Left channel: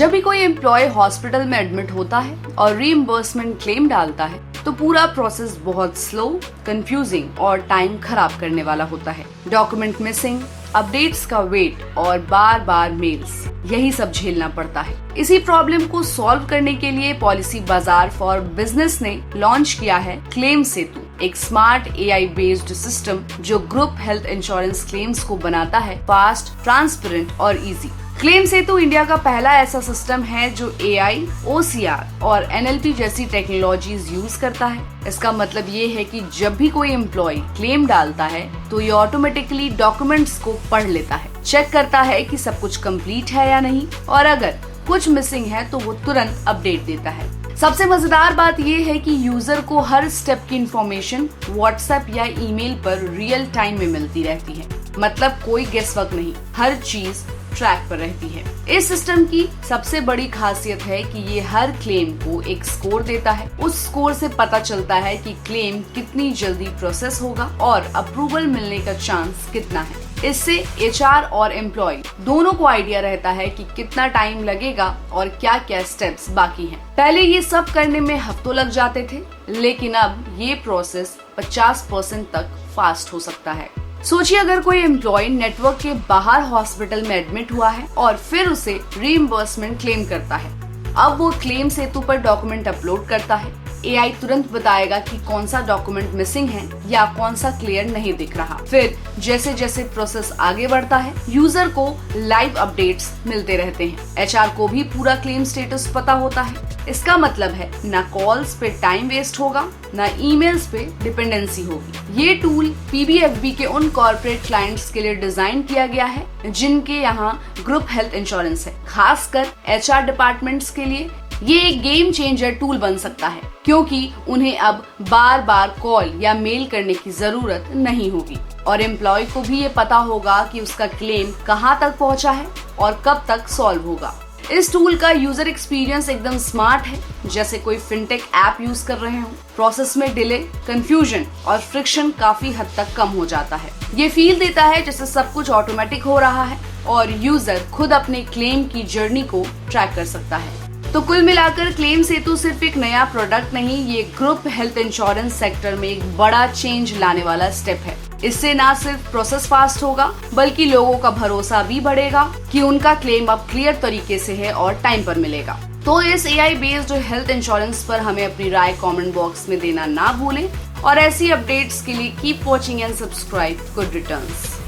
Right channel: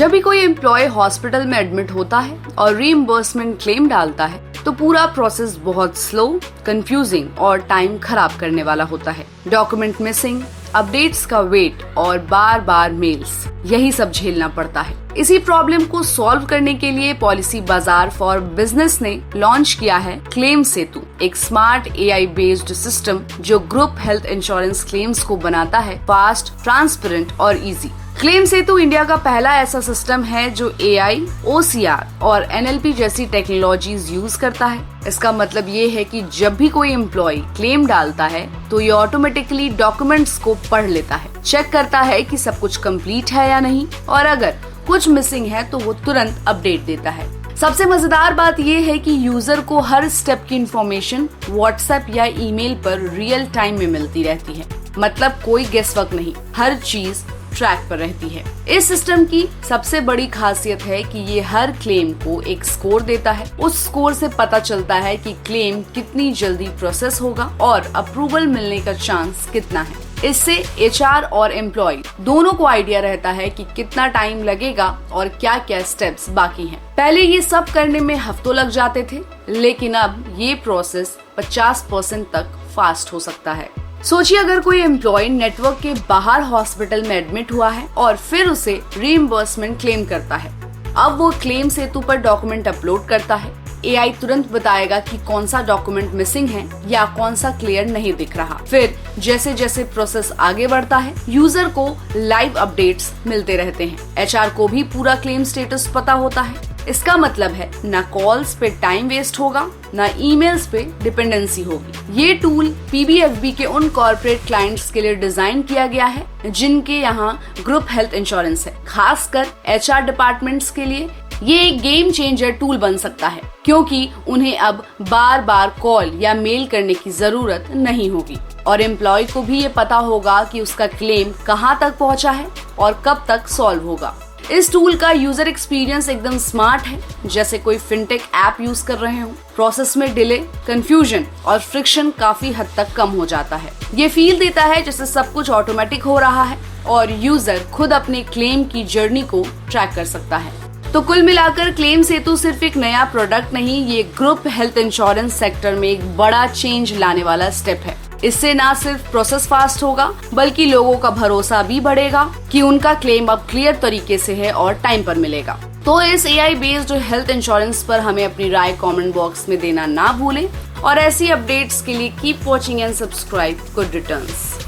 जब भी कोई एम्प्लॉय हॉस्पिटल में एडमिट होता है और रीइंबर्समेंट क्लेम डालता है तो पूरा प्रोसेस बहुत स्लो, कंफ्यूजिंग और टाइम खराब करने वाला होता है। डॉक्यूमेंट मिसिंग, अपडेट्स का वेट और बार बार मेल्स, यही सब झेलना पड़ता है। इसी प्रॉब्लम को सॉल्व करने के लिए पॉलिसी बाजार फॉर बिजनेस ने लॉन्च किया है क्लेम सेतु, एक स्मार्ट AI बेस्ड सिस्टम जो ग्रुप हेल्थ इंश्योरेंस क्लेम्स को बनाता है फास्ट, ट्रांसपेरेंट और इजी। क्लेम सेतु इंडिया का पहला ऐसा सिस्टम है जो AI, OCR और NLP जैसी टेक्नोलॉजीज यूज करता है। इसका मतलब ये है कि जब भी कोई एम्प्लॉय क्लेम डालता है तो ये ऑटोमेटिकली डॉक्यूमेंट्स को पढ़ लेता है, चेक करता है कि सब कुछ कंप्लीट है या नहीं, और अगर कुछ मिसिंग है तो वो तुरंत अपडेट देता है। सबसे मजेदार बात ये है कि यूजर को हर स्टेप की इंफॉर्मेशन व्हाट्सएप या ईमेल पर रियल टाइम में मिलती रहती है। मतलब कोई गेसवर्क नहीं, हर चीज ट्रैक पर रहती है। इस सिस्टम की सबसे बड़ी खासियत है कि ये हर क्लेम को एक स्कोर देता है। उस स्कोर से पता चलता है कि क्लेम कितनी जल्दी प्रोसेस होगा और अप्रूवल मिलने का चांस कितना है। इससे HR और एम्प्लॉय दोनों को आइडिया रहता है कि कितना टाइम लगेगा और क्या क्या स्टेप्स बाकी हैं। पहले ये सब करने में हफ्तों लग जाते थे, लेकिन अब ये प्रोसेस 50% तक फास्ट हो सकता है। सोचिए अगर कोई एम्प्लॉय नेटवर्क के बाहर हॉस्पिटल में एडमिट हुआ है और फिर उसे रीइंबर्समेंट क्लेम करता है। अब वो क्लेम सेतु पर डॉक्यूमेंट अपलोड करता है। AI तुरंत बताएगा कि कौन सा डॉक्यूमेंट मिसिंग है या कौन सा क्लियर नहीं दिख रहा। फिर जैसे जैसे प्रोसेस आगे बढ़ता है, यूजर को लाइव अपडेट्स मिलते रहते हैं। HR को भी पूरा क्लेम स्टेटस पता होता है। इसका मतलब है ना कॉल्स पे टाइम वेस्ट होगा, ना ईमेल्स पे डिपेंडेंसी होगी। ये टूल PBFB के उन कॉर्पोरेट क्लाइंट्स के लिए डिजाइन किया गया है जिनके यहाँ ग्रुप हेल्थ इंश्योरेंस है। खासकर HR डिपार्टमेंट्स के लिए ये एक गेम चेंजर टूल बन सकता है, क्योंकि उन्हें अब बार बार कॉल या मेल करने की जरूरत नहीं होगी और एम्प्लॉय को भी ये पता होगा कि उसका क्लेम कहाँ तक पहुँचा है और कब तक सॉल्व होगा। इस टूल का यूजर एक्सपीरियंस एकदम स्मार्ट है, जैसे कोई फिनटेक ऐप यूज कर रहे हो। प्रोसेस में डिले, कंफ्यूजन और फ्रिक्शन काफी हद तक कम हो जाता है। ये फील देता है जैसे सब कुछ ऑटोमेटिक हो रहा है और यूजर खुद अपने क्लेम की जर्नी को ट्रैक कर सकता है। तो कुल मिलाकर क्लेम सेतु सिर्फ एक नया प्रोडक्ट नहीं, ये ग्रुप हेल्थ इंश्योरेंस सेक्टर में एक बड़ा चेंज लाने वाला स्टेप है। इससे ना सिर्फ प्रोसेस फास्ट होगा बल्कि लोगों का भरोसा भी बढ़ेगा कि उनका क्लेम अब क्लियर तरीके से है और टाइम पर मिलेगा। तो इस AI बेस्ड हेल्थ इंश्योरेंस पर हमें अपनी राय कमेंट बॉक्स में देना ना भूलें और ऐसी अपडेट्स के लिए keep watching and subscribe good returns.